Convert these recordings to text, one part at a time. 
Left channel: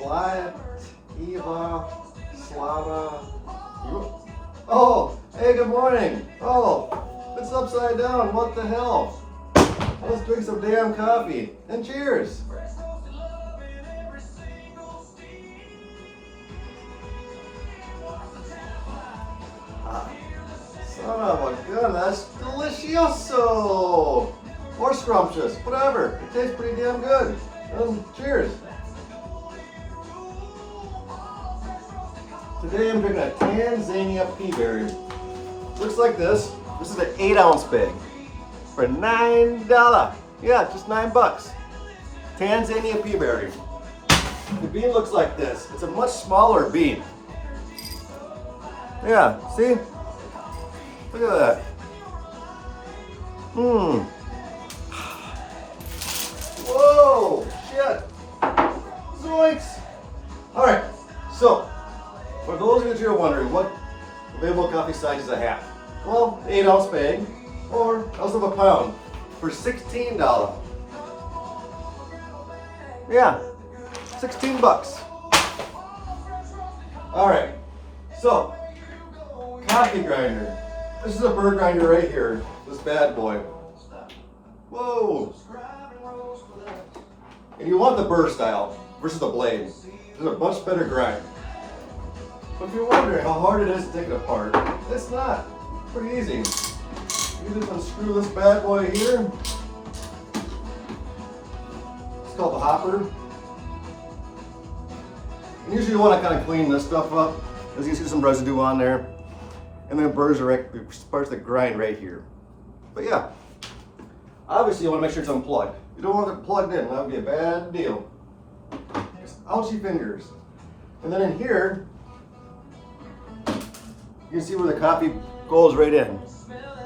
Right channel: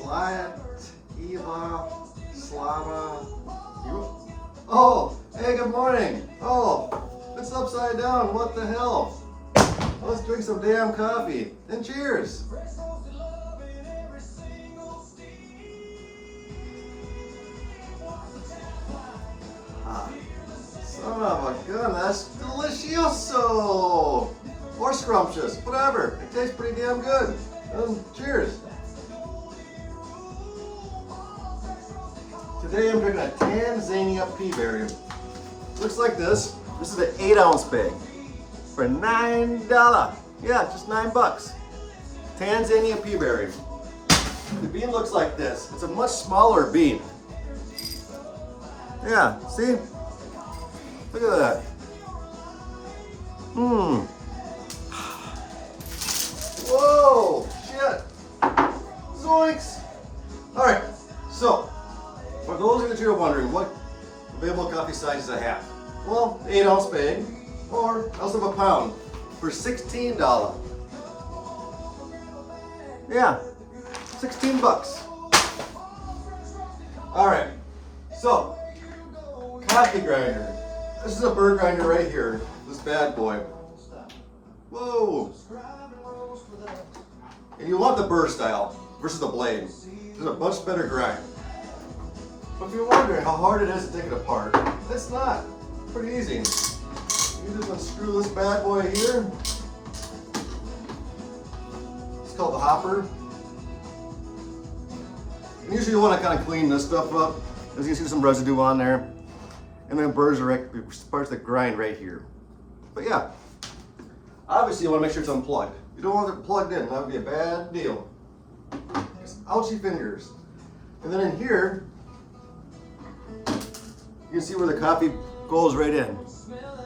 Slide, Eva, Slava. Oh, hey, good morning. Oh, it's upside down. What the hell? Let's drink some damn coffee. And cheers. Son of a gun, that's delicioso! Or scrumptious, whatever. It tastes pretty damn good. Cheers. Today I'm drinking a Tanzania Peaberry. Looks like this. This is an 8-ounce bag for $9. Yeah, just $9. Tanzania Peaberry. The bean looks like this. It's a much smaller bean. Yeah, see? Look at that. Whoa, shit. Zoinks. All right, so for those of you that are wondering what available coffee sizes I have, well, 8-ounce bag or ounce of a pound for $16. Yeah, $16. All right, so coffee grinder. This is a bird grinder right here, this bad boy. Whoa. And you want the burr style versus the blade. It's a much better grind. But if you're wondering how hard it is to take it apart, it's not. It's pretty easy. You just unscrew this bad boy here. It's called the hopper. And usually you want to kind of clean this stuff up. As you can see, some residue on there. And then burrs are parts that grind right here. But yeah, obviously you want to make sure it's unplugged. You don't want it plugged in, that would be a bad deal. Just ouchy fingers. And then in here, you can see where the coffee goes right in.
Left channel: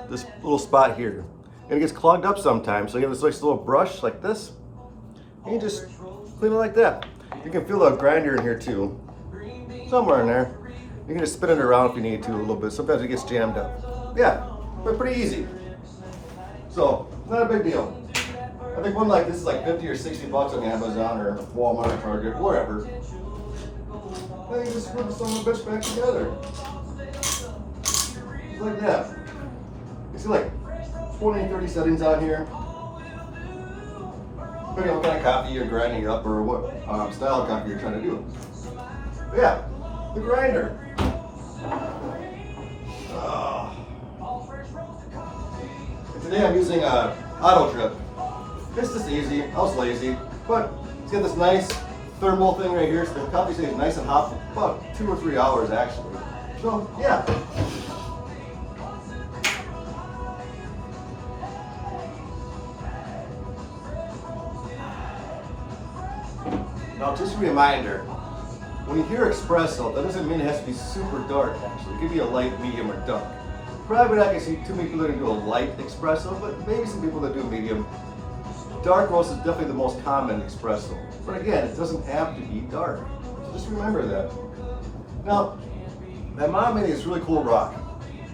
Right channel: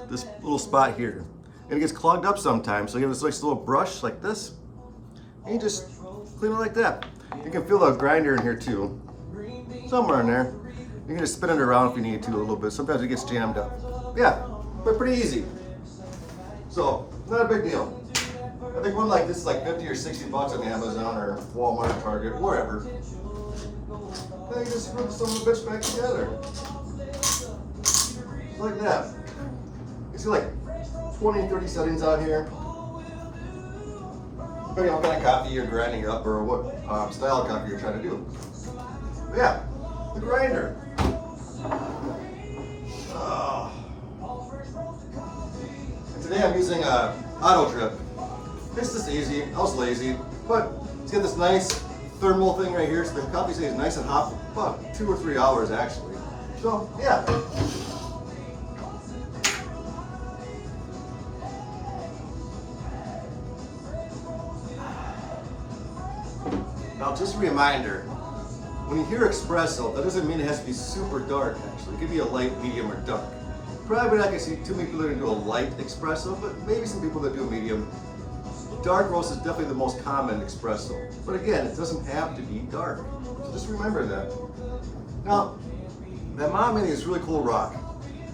This little spot here. And it gets clogged up sometimes, so you have this nice little brush like this. And you just clean it like that. You can feel the grinder in here too. Somewhere in there. You can just spin it around if you need to a little bit. Sometimes it gets jammed up. Yeah, but pretty easy. So, not a big deal. I think one like this is like 50 or 60 bucks on Amazon or Walmart, Target, wherever. Then you just screw some of the bitch back together. Just like that. You see like 20, 30 settings on here. Depending on what kind of coffee you're grinding up or what style of coffee you're trying to do. But yeah, the grinder. And today I'm using a auto drip. It's just easy. I was lazy, but it's got this nice thermal thing right here, so the coffee stays nice and hot for about 2 or 3 hours actually. So yeah. Now just a reminder, when you hear espresso, that doesn't mean it has to be super dark actually. It could be a light, medium, or dark. Probably not gonna see too many people that are gonna do a light espresso, but maybe some people that do a medium. Dark roast is definitely the most common espresso. But again, it doesn't have to be dark. So just remember that. Now, my mom made me this really cool rock.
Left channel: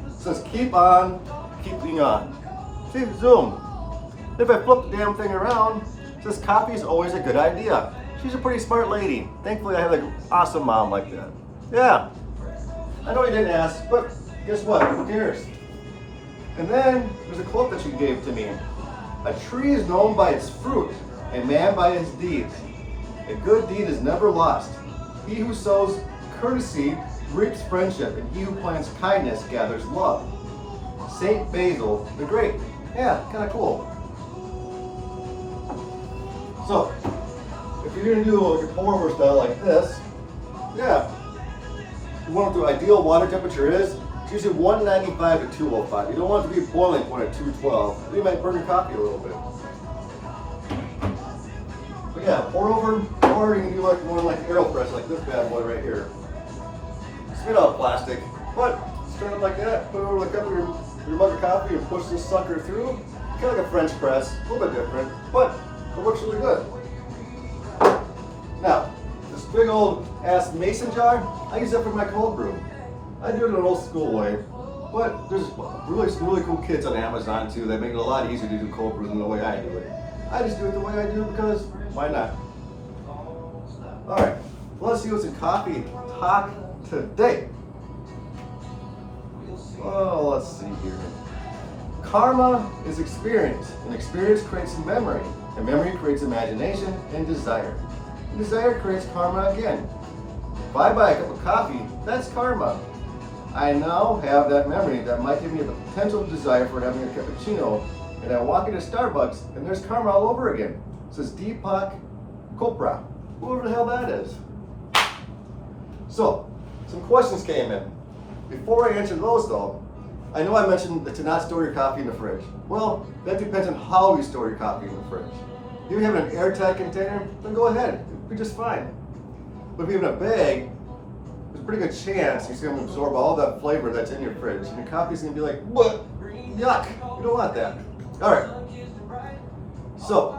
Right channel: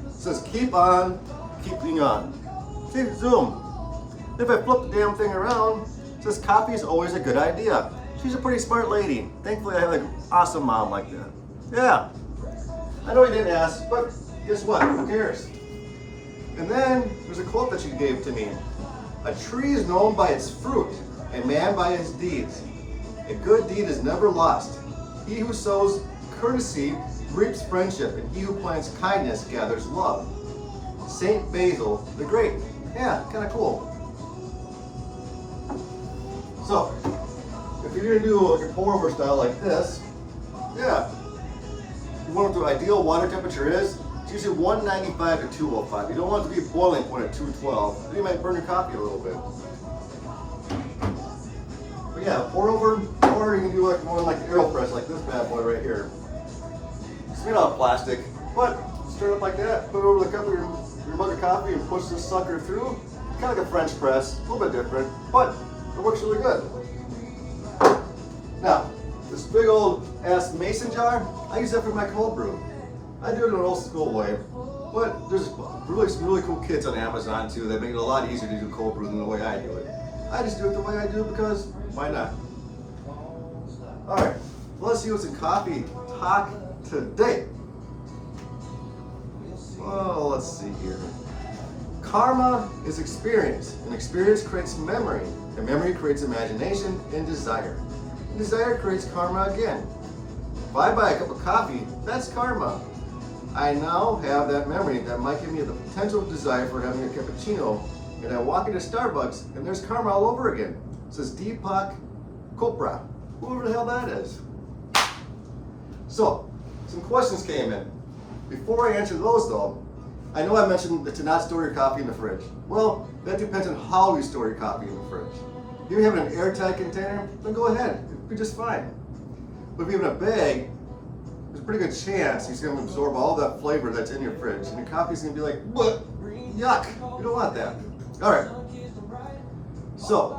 It says, keep on, keeping on. See, zoom. If I flip the damn thing around, it says coffee is always a good idea. She's a pretty smart lady. Thankfully, I have an awesome mom like that. Yeah. I know you didn't ask, but guess what? Who cares? And then there's a quote that she gave to me. A tree is known by its fruit, a man by his deeds. A good deed is never lost. He who sows courtesy reaps friendship, and he who plants kindness gathers love. Saint Basil the Great. Yeah, kind of cool. So, if you're gonna do your pour over style like this, yeah, you want what the ideal water temperature is. It's usually 195 to 205. You don't want it to be a boiling point at 212. Then you might burn your coffee a little bit. But yeah, pour over, or you can do like one like AeroPress, like this bad boy right here. It's made out of plastic, but start it like that, put it over the cup of your mug of coffee and push this sucker through. Kind of like a French press, a little bit different, but it works really good. Now, this big old ass mason jar, I use that for my cold brew. I do it in an old school way, but there's some really cool kits on Amazon too that make it a lot easier to do cold brew than the way I do it. I just do it the way I do because why not? All right, Let's see what's in coffee talk today. Oh, let's see here. Karma is experience, and experience creates memory, and memory creates imagination and desire. And desire creates karma again. If I buy a cup of coffee, that's karma. I now have that memory that might give me the potential desire for having a cappuccino, and I walk into Starbucks and there's karma all over again. It says Deepak Chopra, whoever the hell that is. So, some questions came in. Before I answer those though, I know I mentioned to not store your coffee in the fridge. Well, that depends on how you store your coffee in the fridge. If you have it in an airtight container, then go ahead, it'll be just fine. But if you have it in a bag, there's a pretty good chance it's going to absorb all that flavor that's in your fridge, and your coffee's going to be like, what? Yuck! You don't want that. All right. So,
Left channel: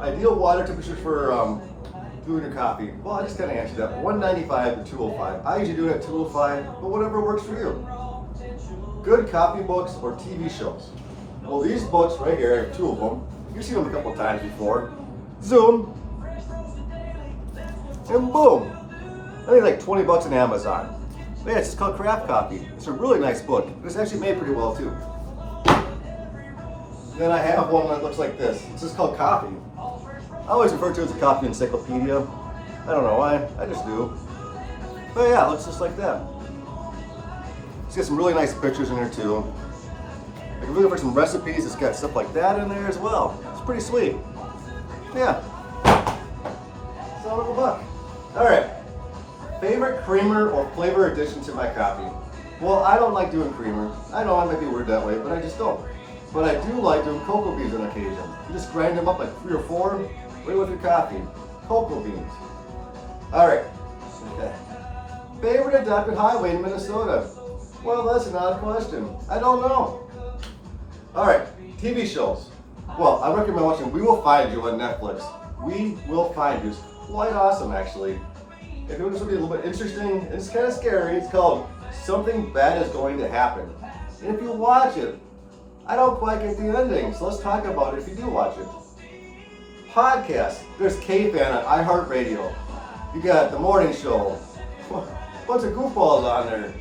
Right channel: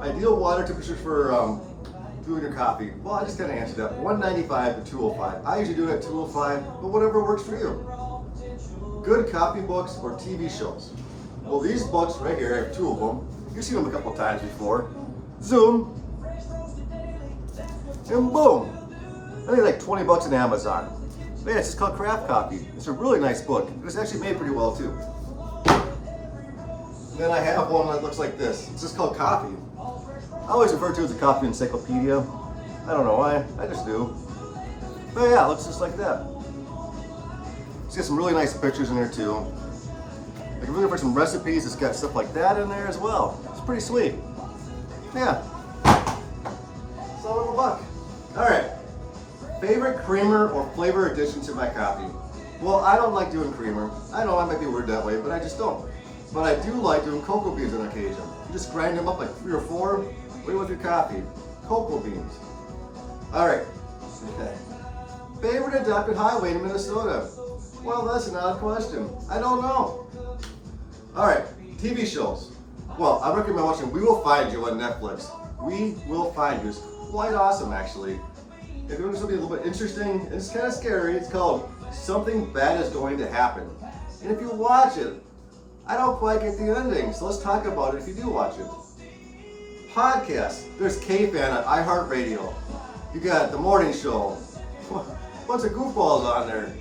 ideal water temperatures for doing your coffee. Well, I just kind of answered that. 195 to 205. I usually do it at 205, but whatever works for you. Good coffee books or TV shows. Well, these books right here, I have two of them. You've seen them a couple times before. Zoom. And boom. I think it's like 20 bucks on Amazon. But yeah, it's just called Craft Coffee. It's a really nice book. It's actually made pretty well too. Then I have one that looks like this. It's just called Coffee. I always refer to it as a coffee encyclopedia. I don't know why, I just do. But yeah, it looks just like that. It's got some really nice pictures in there too. Like if you're looking for some recipes, it's got stuff like that in there as well. It's pretty sweet. Yeah. Son of a buck. All right. Favorite creamer or flavor addition to my coffee? Well, I don't like doing creamer. I know I might be weird that way, but I just don't. But I do like doing cocoa beans on occasion. You just grind them up like 3 or 4, right with your coffee. Cocoa beans. All right. Okay. Favorite adopted highway in Minnesota? Well, that's an odd question. I don't know. All right, TV shows. Well, I recommend watching We Will Find You on Netflix. We Will Find You is quite awesome, actually. If you want something a little bit interesting and it's kind of scary, it's called Something Bad Is Going to Happen. And if you watch it, I don't quite get the ending, so let's talk about it if you do watch it. Podcasts. There's K-Fan on iHeartRadio. You got The Morning Show. Bunch of goofballs on there.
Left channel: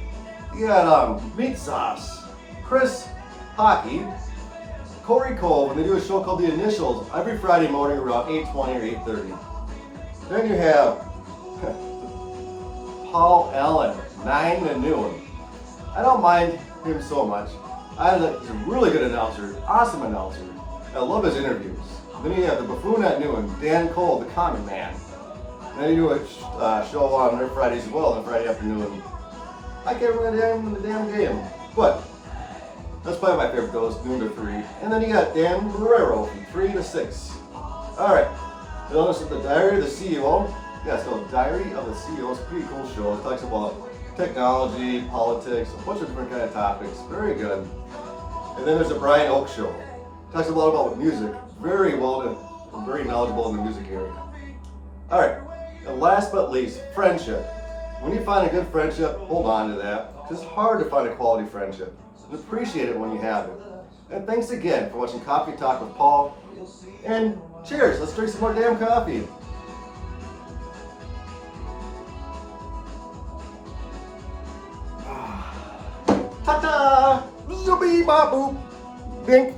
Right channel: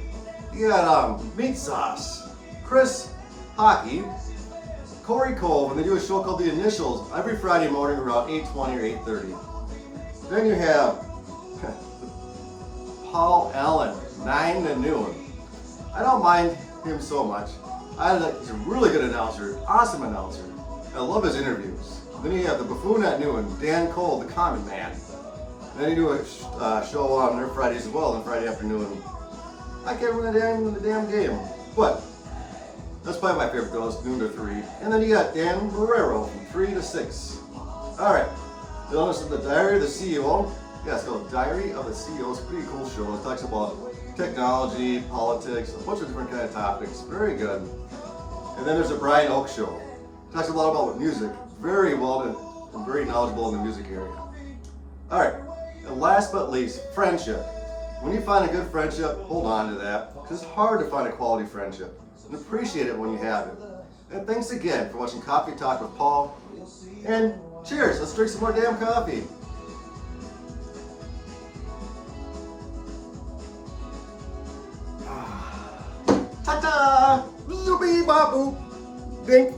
You got Meat Sauce, Chris Hockey, Corey Cole, and they do a show called The Initials every Friday morning around 8:20 or 8:30. Then you have Paul Allen, 9 to noon. I don't mind him so much. He's a really good announcer, awesome announcer. I love his interviews. Then you have the Buffoon at noon, Dan Cole, the Common Man. Then you do a show on their Fridays as well, on Friday afternoon. I can't remember the damn game, but that's probably my favorite, those noon to 3. And then you got Dan Barrero from 3 to 6. All right, then this is the Diary of the CEO. Yeah, it's called Diary of the CEO. It's a pretty cool show. It talks about technology, politics, a bunch of different kind of topics. Very good. And then there's the Brian Oak Show. It talks a lot about music. Very knowledgeable in the music area. All right, and last but least, friendship. When you find a good friendship, hold on to that, because it's hard to find a quality friendship. And appreciate it when you have it. And thanks again for watching Coffee Talk with Paul. And cheers, let's drink some more damn coffee. Ta-ta! Zoobie-bop-boop! Bink!